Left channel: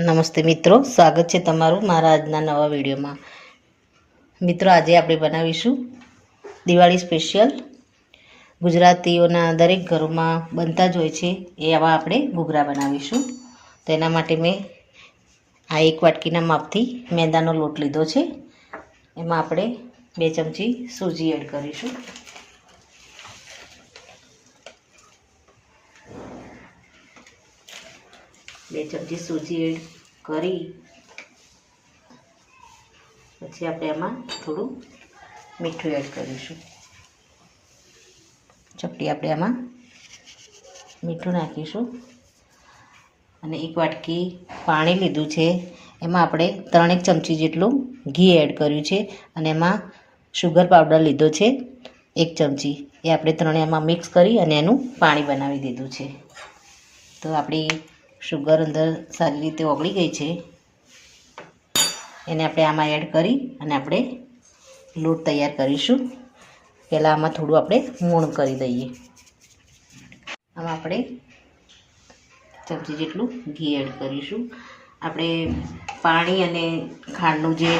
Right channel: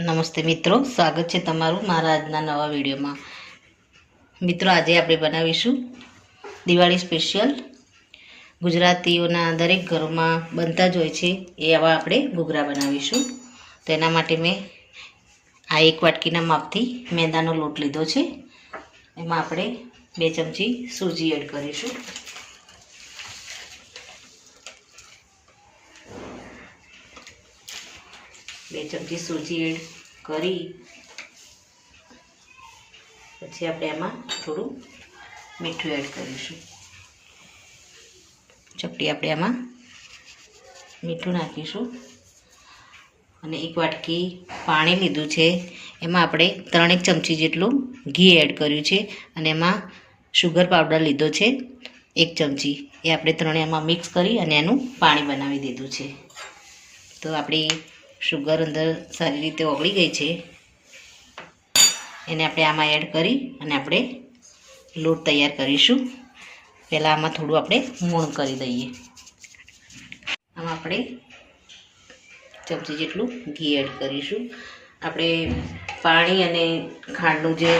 નમસ્તે મિત્રો, સ્વાગત છે તમારું મારા આજના નવા વિડીયોમાં। મિત્રો, આજે આપણે બનાવીશું દિવાળી સ્પેશિયલ ગુજરાતીઓના દરેક ઘરોમાં બનતા જ હોય છે એવા આપણે ઘૂઘરા બનાવીશું। તો એના માટે મેં આ 1 વાટકીના માપથી મેદાનો લોટ લીધો છે। એમાં આપણે 2 ચમચી સૂજી એડ કરીશું। બે ચમચી સૂજી એડ કરી પછી આપણે એમાં થોડું મીઠું એડ કરીશું। ચપટી આપણે એમાં મીઠું નાખીશું અને 1 વાટકી પાણી લીધું છે। એમાં આપણે 3 ચમચી જેટલું ઘી એડ કર્યું છે અને એમાં શુગર પાવડર લીધો છે 1 ચમચી। એ આપણે ત્રણે એમાં મિક્સ કરી અને એનું પાણી બનાવી દીધું છે। તો આપણી શુગર અંદર સારી રીતે ઓગળી ગઈ છે। એને આપણે આમાં એડ કરી અને આપણે લોટ તૈયાર કરીશું। પહેલાં આમાં થોડું આપણે મોણ કરી દઈએ। આમાં આપણે ચમચી જેટલું ઘી એડ કરીશું। આપણે પાણી અને ખાંડનું જે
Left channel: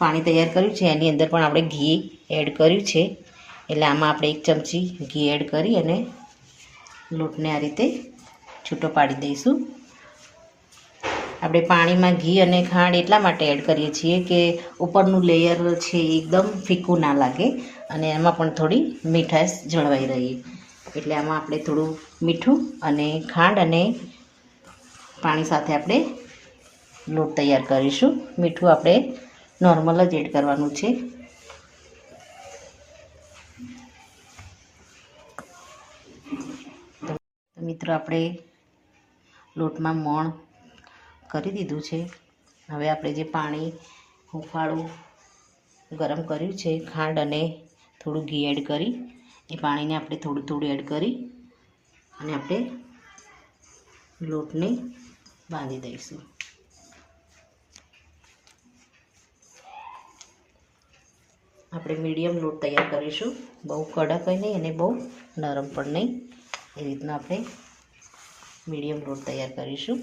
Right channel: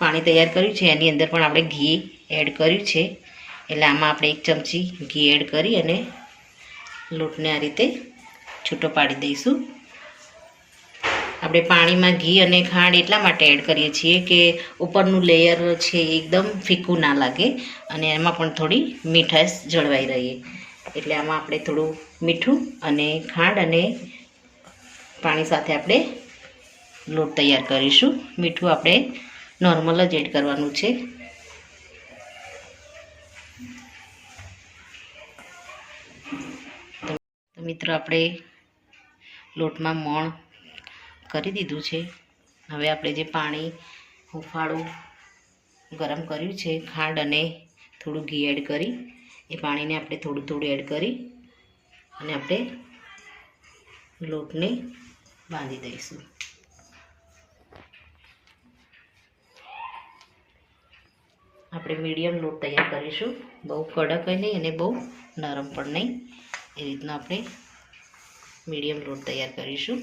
પાણી તૈયાર કર્યું છે એની અંદર પણ આપણે ઘી એડ કર્યું છે। એટલે આમાં આપણે 1 ચમચી ઘી એડ કરી અને લોટને આ રીતે છૂટો પાડી દઈશું। આપણે પાણીમાં ઘી અને ખાંડ એટલા માટે એડ કરીએ છીએ કે ઉપરનું લેયર છે એકદમ ફીકું ના લાગે અને એમાં પણ થોડી મીઠાશ જળવાઈ રહે। એટલે આમાં આપણે થોડું મીઠું અને ખાંડ અને પાણી સાથે આપણે લોટ તૈયાર કરીશું। મીઠું આપણે નોર્મલ જ એડ કરવાનું છે। મિત્રો, આપણે લોટમાં મોણ કરી દીધું છે। હવે આપણે જે પાણી હુંફાળું ગરમ કર્યું છે ખાંડ અને થોડું ઘી એડ કરી એ પાણીને આપણે થોડું થોડું એડ કરી અને આપણે લોટને બાંધી દઈશું। આપણે મીડિયમ લોટ તૈયાર કરીશું, બહુ કડક નહીં અને બહુ નરમ પણ નહીં। એ રીતના આપણે મીડિયમ લોટ તૈયાર કરીશું।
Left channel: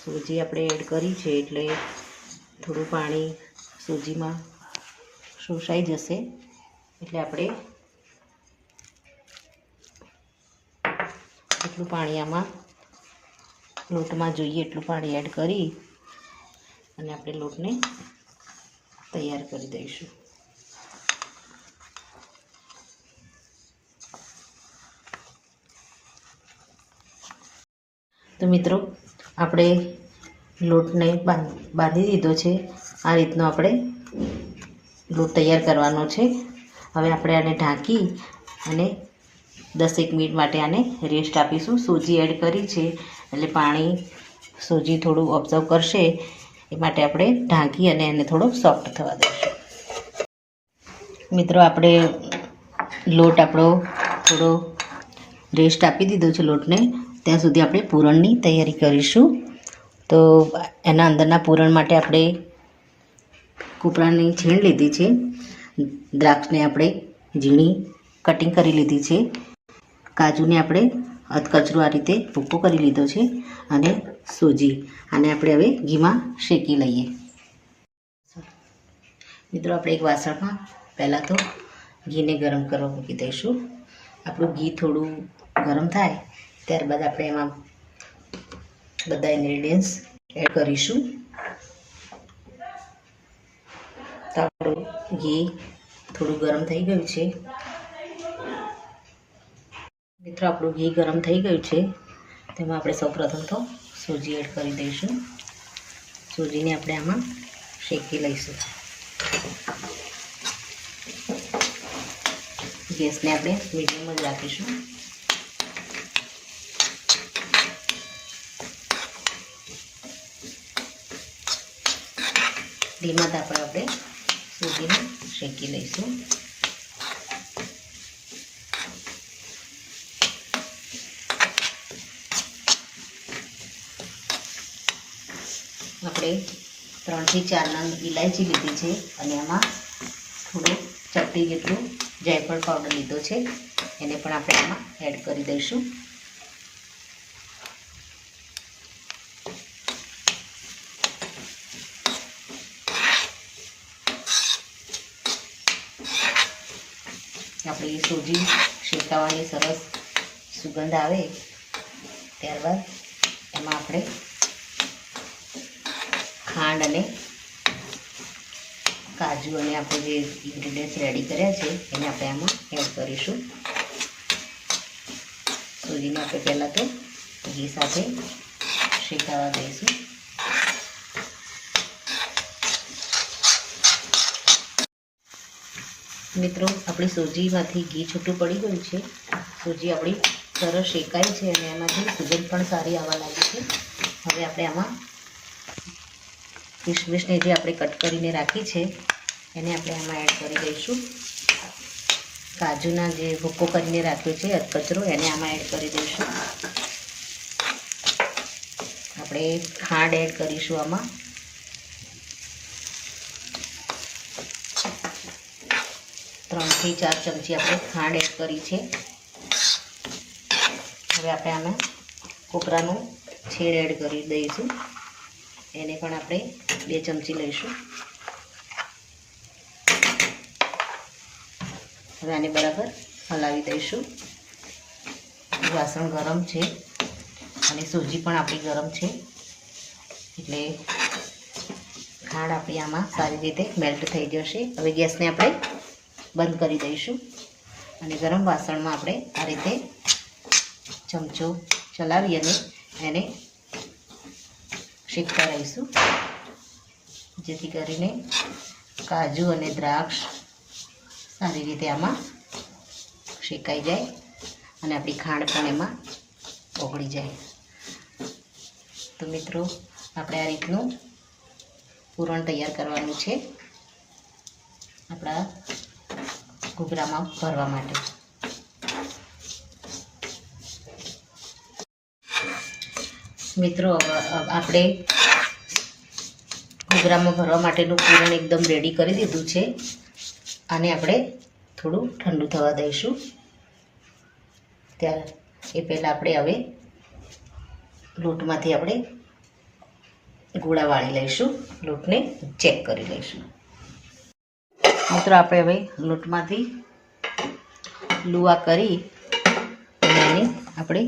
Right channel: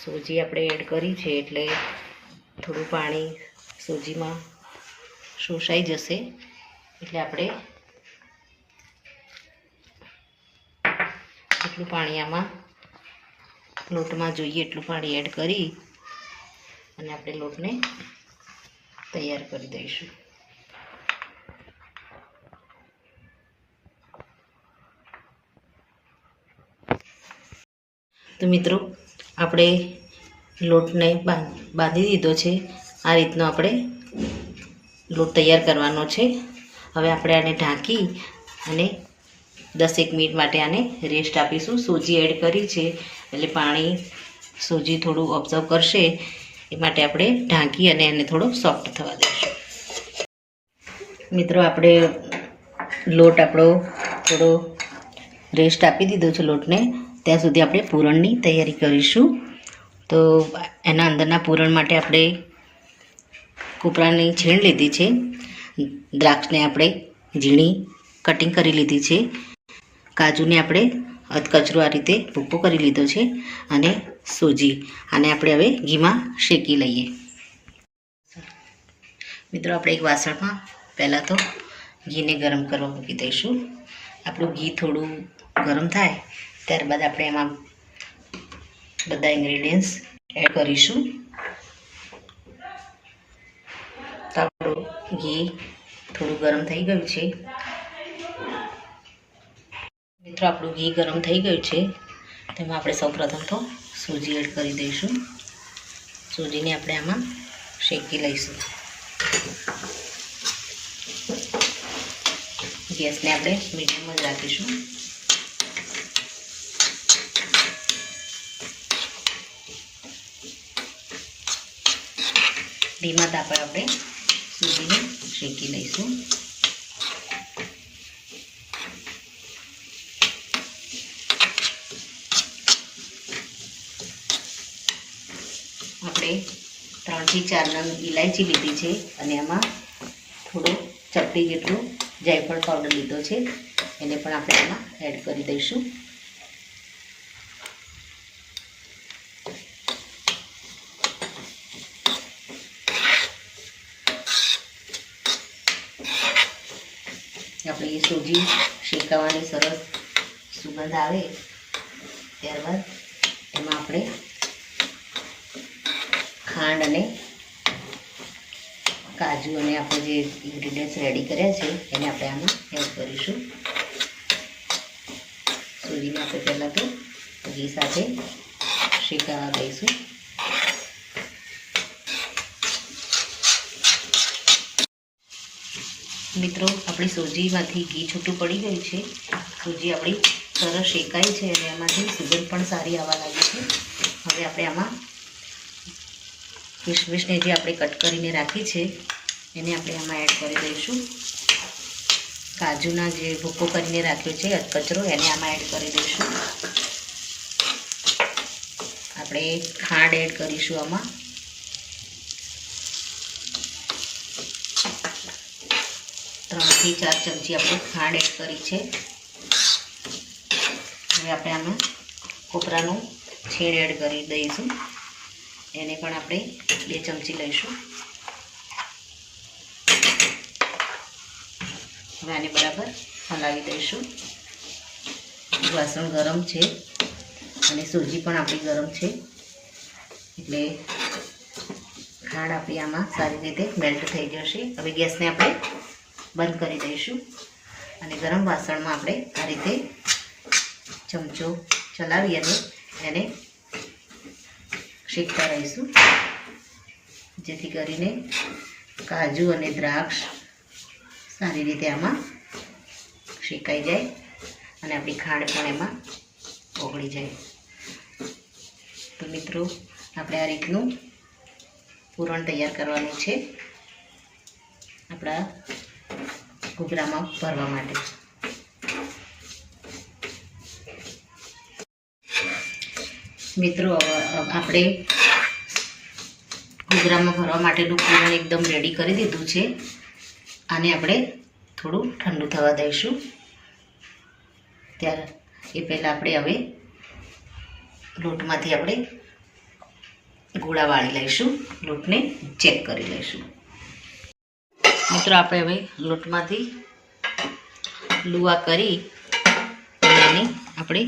સૂજી આપણે એડ કરી છે એટલે થોડું પાણી સૂજીમાં શોષાઈ જશે। એટલે આપણે એટલું પાણી આમાં લોટમાં જોઈએ એટલું પાણી એડ કરી અને આપણે લોટને તૈયાર કરી દઈશું। તો મિત્રો, આપણે લોટને બાંધી દીધો છે। આ રીતનો આપણે લોટ તૈયાર કરવાનો છે। હવે આપણે આને ઢાંકી અને 10 મિનિટ માટે આને રેસ્ટ આપીશું। સૂજી એડ કરી છે એટલે પાણી સૂજી થોડું ઓબ્ઝર્વ કરશે એ માટે આપણે ઢાંકી અને એને થોડો સોફ્ટ થવા દઈશું। મિત્રો, આપણે લોટ આપણો થોડો રેસ્ટ આપી દીધો છે લોટને। ત્યાં સુધી આપણે પૂરણની તૈયારી કરીશું। તો એના અંદરના પૂરણ માટે આપણે કોપરાની છીણ લીધી છે, દ્રાક્ષને આપણે ઝીણી કટિંગ કરી લીધી છે, કાજુને આપણે અધકચરું આ રીતે ભૂકો કરી લીધો છે અને સૂજી આને આપણે હવે ઘીમાં શેકી લઈએ। મિત્રો, આપણે એક વાસણમાં પહેલાં તો ઘીને ગરમ કરવા મૂકી દઈશું। આપણું ઘી થોડું ગરમ થાય ત્યારબાદ આપણે એમાં બધા ઇન્ગ્રેડિયન્ટ્સ એડ કરીશું। તો આપણું ઘી થોડું ગરમ થઈ ગયું છે। મિત્રો, આપણું ઘી ગરમ થઈ ગયું છે, તેમાં આપણે સૌપ્રથમ તો સૂજી એડ કરી દઈશું। સૂજીને આપણે આમાં શેકી લઈશું। ગેસને આપણે મીડિયમ જ રાખીશું। ધીમા તાપે આપણે સૂજીને શેકી લઈશું। આપણે 3 થી 4 નંગ ઇલાયચી લીધી છે અને એમાં થોડો ચપટી જેટલું જાયફળ પાવડર લીધો છે, એને પણ આપણે આમાં એડ કરી દઈશું. આપણી સૂજી શેકાવાની સરસ સુગંધ આવે ત્યારબાદ એમાં આપણે ખાંડ અને કાજુ અને આપણે જે ઇન્ગ્રીડિયન્ટ્સ રેડી કર્યા છે એને આપણે આમાં એડ કરીશું. સૂજીને આપણે પહેલાં તો ઘી સાથે શેકાવા દઈશું. મિત્રો, આપણી સૂજીમાંથી ઘી છૂટું પડી ગયું છે. સૂજી આપણી સરસ શેકાઈ છે અને એમાંથી સુગંધ પણ સારી આવવા લાગી છે. હવે આપણે આમાં કિશમિશને જે આપણે કટ કરીને રાખી છે એને આપણે આમાં એડ કરી દઈશું. કાજુના જે ભૂકો કરીને રાખ્યો છે અધકચરો એને આમાં એડ કરી દઈશું. આપણે ખાંડ એડ કરીશું આમાં. ત્રણથી 4 ચમચી આપણે ખાંડ એડ કરી છે. હવે આપણે આમાં કોપરાનું છેડ એડ કરી દઈશું. એને પણ આપણે 2 ચમચી લઈશું. હવે આને બરાબર હલાવી દઈશું. વાસણ ગરમ છે અને સૂજી પણ આપણી ગરમ છે, એટલે ખાંડ આપણી આમાં સારી રીતે મેલ્ટ થઈ જશે. હવે ગેસને આપણે બંધ કરી દઈશું અને ગરમ વાસણમાં આપણે આ રીતે ચમચો ચલાવી અને એને શેકતા રહીશું, જેથી કરીને કાજુ અને દ્રાક્ષ સારી રીતે આમાં શેકાઈ જાય અને આપણી ખાંડ પણ એમાં ઓગળી જાય. તો મિત્રો, આપણે આ રીતનું પૂરણ તૈયાર કરવાનું છે આપણા ઘૂઘરામાં ભરવા માટે. મિત્રો, આપણે ઘૂઘરામાં ભરવા માટેનું પૂરણ એકદમ રેડી કરી દીધું છે. આને આપણે થોડું ઠંડુ થવા દઈશું. ત્યારે એ પહેલાં આપણે હવે લોટમાંથી આપણે ગોળા વાળી લઈશું. લોટને ચેક કરી લઈશું. મિત્રો, આપણે હવે લોટમાંથી લુવા કરી અને એની આપણે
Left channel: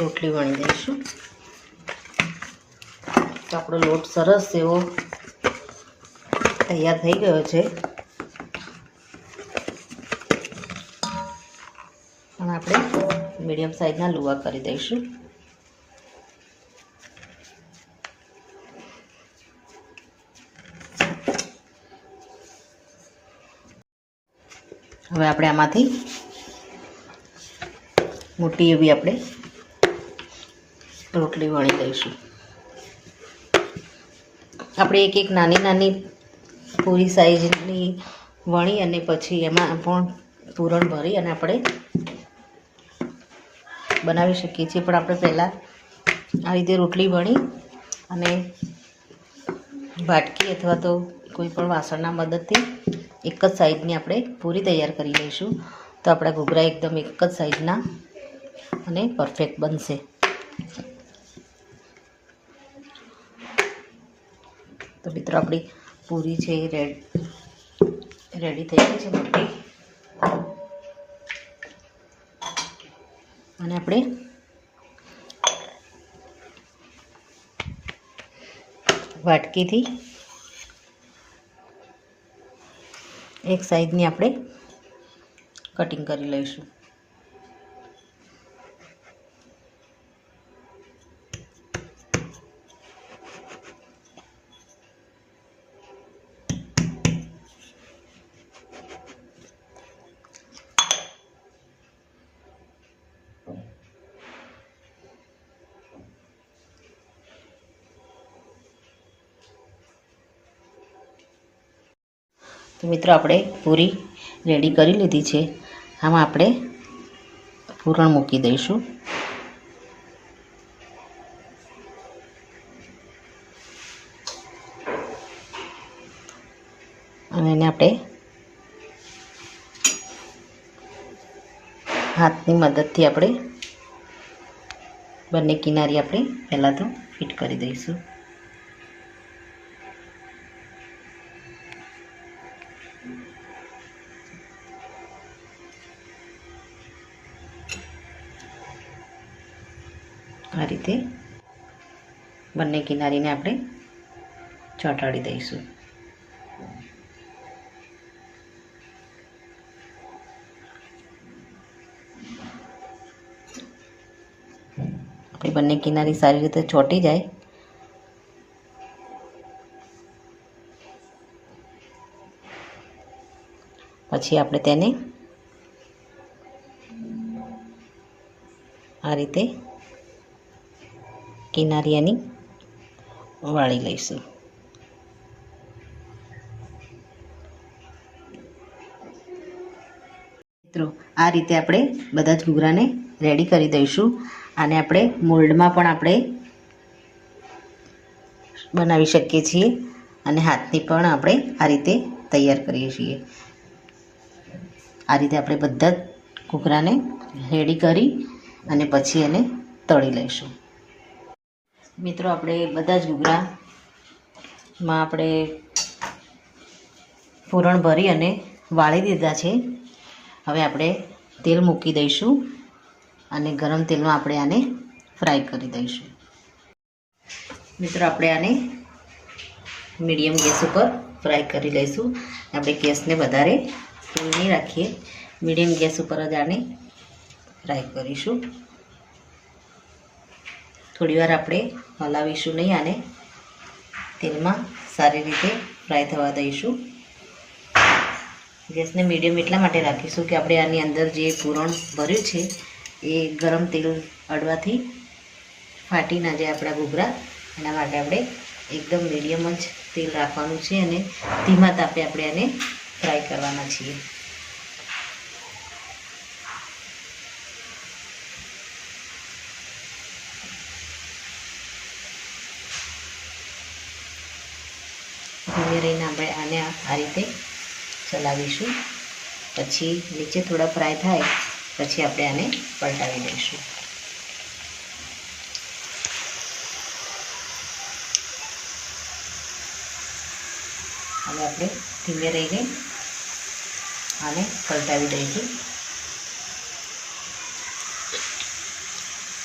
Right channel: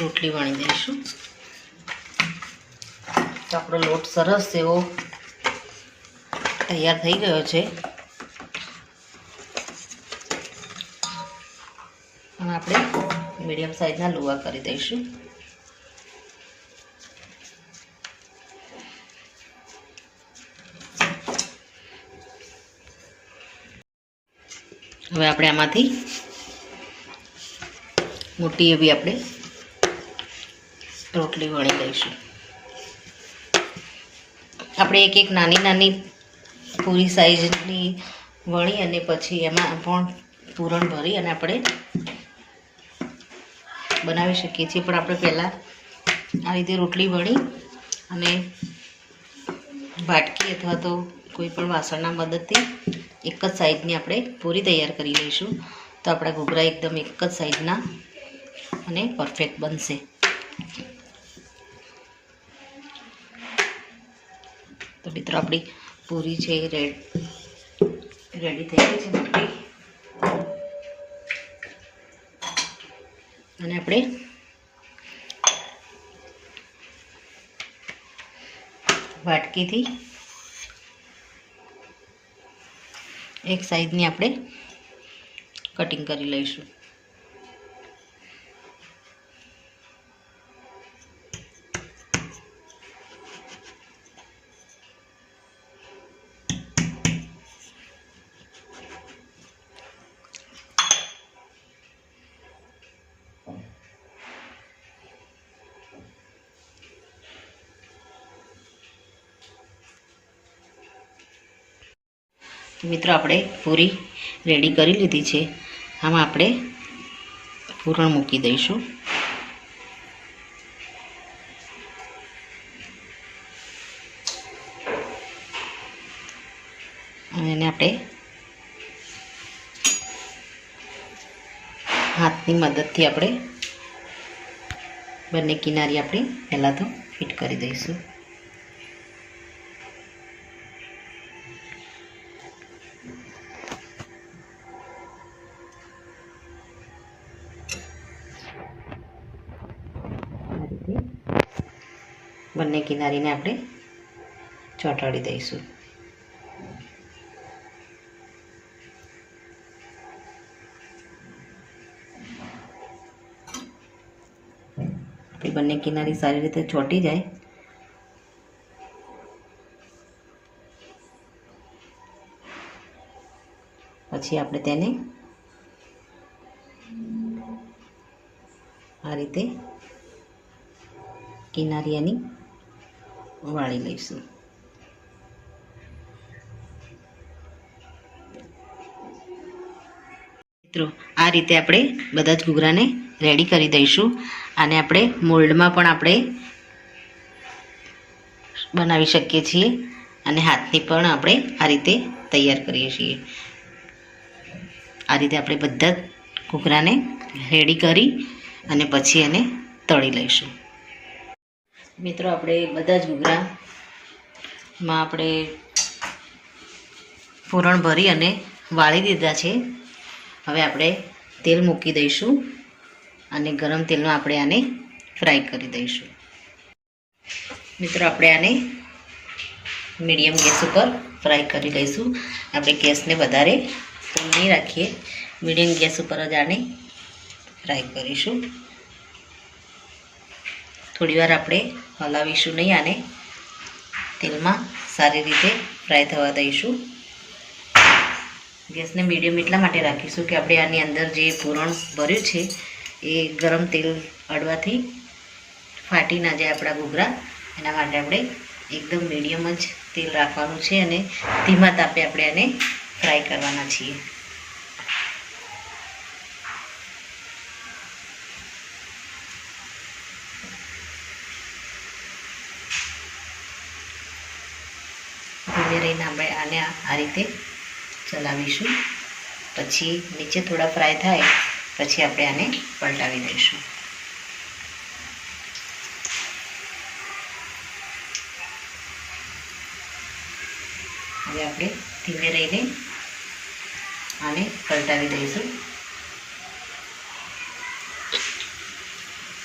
રોટલી વણી દઈશું. તો આપણો લોટ સરસ એવો તૈયાર થઈ ગયો છે અને આપણે મીડિયમ સાઈઝના લુવા કરી દઈશું. હવે આપણે આમાંથી મોટી એવી આપણે રોટલી વણી લઈશું. આપણે એક નાની નાની પૂરી સાઈઝની વણી અને પછી એમાં પણ પૂરણ ભરી અને આપણે બનાવી શકીએ છીએ. પણ આપણે પહેલાં આ રીતે રોટલી વણી અને વાટકી અથવા તો કોઈ પણ વાસણના મદદથી એક જ સાઈઝની આપણે પૂરી તૈયાર કરી લઈશું. તો આપણા ઘૂઘરા એકદમ એક જ સાઈઝના અને પરફેક્ટ બનશે. તો મિત્રો, આપણી પૂરી છે રેડી થઈ ગઈ છે બધી. અને આપણે વાટકીથી એક સાઈઝની આપણે કટિંગ કરી લઈશું. તો મિત્રો, આપણે પૂરી રેડી કરી લીધી છે. આમાં આપણે પૂરણ મૂકી દઈશું. એને આપણે હાથની મદદથી આપણે બંને કિનારી આપણે પહેલાં તો ફિટ કરી દઈશું. આ રીતે બંને કિનારીને આપણે ચોંટાડી દઈશું. આપણી બંને કિનારી સારી રીતે ચોંટી જાય પછી આપણે તેને આ રીતે કિનારી એની વાળી લઈશું. મિત્રો આ રીતે આપણે બધા જ ઘૂઘરાને રેડી કરી દઈશું. આને આપણે મોલ્ડમાં પણ આપણે બનાવી શકીએ છીએ અને હાથની પણ આપણે આ રીતે તૈયાર કરીએ છીએ. આ રીતે આપણે બધા જ ઘૂઘરાને રેડી કરી અને પછી એને તળી લઈશું. મિત્રો આપણે બધા જ ઘૂઘરામાં આપણે પૂરણ ભરી અને વાળી દીધા છે. હવે આપણે તેલ મૂકી દઈશું અને ગરમ તેલમાં આપણે આને ફ્રાય કરી દઈશું. મિત્રો આપણે આને મીડિયમ ગેસ ઉપર ફ્રાય કરી લઈશું. આપણે ગેસને વધારે ફૂલ નહીં રાખીએ, મીડિયમ ગેસ ઉપર જ આને ફ્રાય કરીશું. થોડીવાર આપણે હલાવીશું નહીં, આને તેલમાં સારી રીતે ફ્રાય થવા દઈશું. ગેસને મીડિયમ એટલા માટે રાખીશું કે આપણે આની અંદર જે પૂરણ ભર્યું છે એ ગરમ તેલ અડવાથી ફાટી ના જાય આપણા ઘૂઘરા. એના માટે આપણે એકદમ મીડિયમ જ તેલ રાખવાનું છે અને ધીમા તાપે આપણે આને ફ્રાય કરવાના છીએ. ધીમે રહીને આપણે આને આ રીતે ચલાવીશું. પછી નીચે થોડા ફ્રાય થાય પછી આપણે આને પલટાવી દઈશું. હવે આપણે ધીમે રહીને આને પલટાવી દઈશું.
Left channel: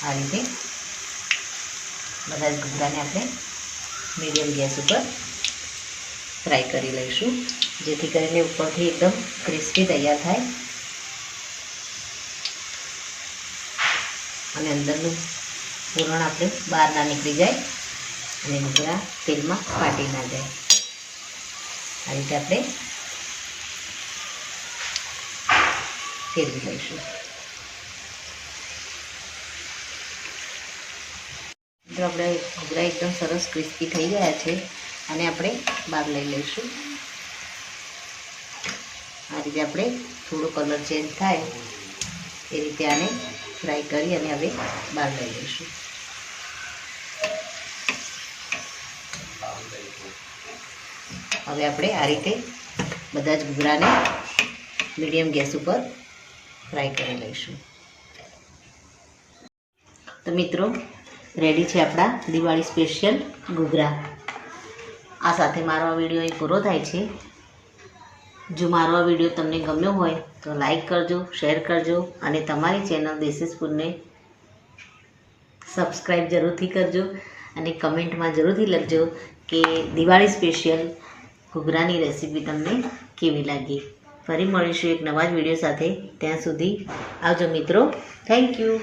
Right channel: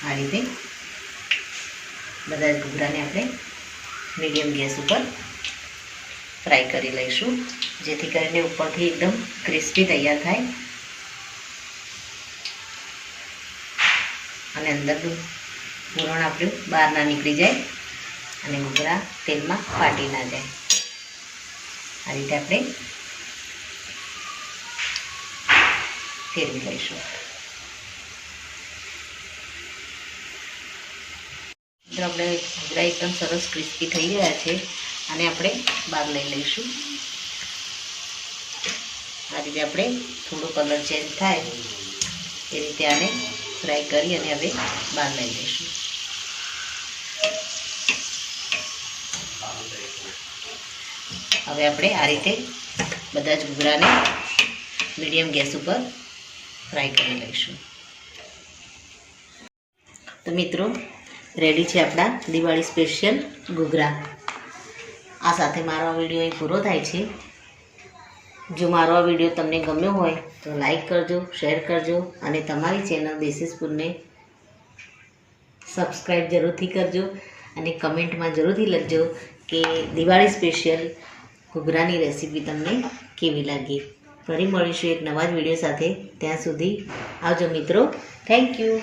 આ રીતે બધા જ ઘૂઘરાને આપણે મીડિયમ ગેસ ઉપર ફ્રાય કરી લઈશું, જેથી કરીને ઉપરથી એકદમ ક્રિસ્પી તૈયાર થાય અને અંદરનું પૂરણ આપણું બહાર ના નીકળી જાય અને ઘૂઘરા તેલમાં ફાટી ના જાય. આ રીતે આપણે ફેરવી લઈશું. જો આપણે ઘૂઘરા એકદમ સરસ ક્રિસ્પી થઈ ગયા છે અને આપણે બહાર લઈ લઈશું. આ રીતે આપણે થોડો કલર ચેન્જ થાય એ રીતે આને ફ્રાય કરી અને હવે બહાર લઈ લઈશું. હવે આપણે આ રીતે બધા જ ઘૂઘરાને મીડિયમ ગેસ ઉપર ફ્રાય કરી લઈશું. તો મિત્રો રેડી છે આપણા દિવાળી સ્પેશિયલ ઘૂઘરા. આ સાથે મારો વિડીયો અહીં પૂરો થાય છે. જો મારો વિડીયો તમને ગમ્યો હોય તો લાઈક કરજો, શેર કરજો અને તમારી ચેનલ દેશી સ્પૂનને સબસ્ક્રાઈબ જરૂરથી કરજો અને કમેન્ટમાં જરૂરથી લખજો કે દિવાળી સ્પેશિયલ ઘૂઘરાની રેસીપી તમને કેવી લાગી. ફરી મળીશું એક નવા જ વિડીયો સાથે. ત્યાં સુધી આવજો મિત્રો. Thank you.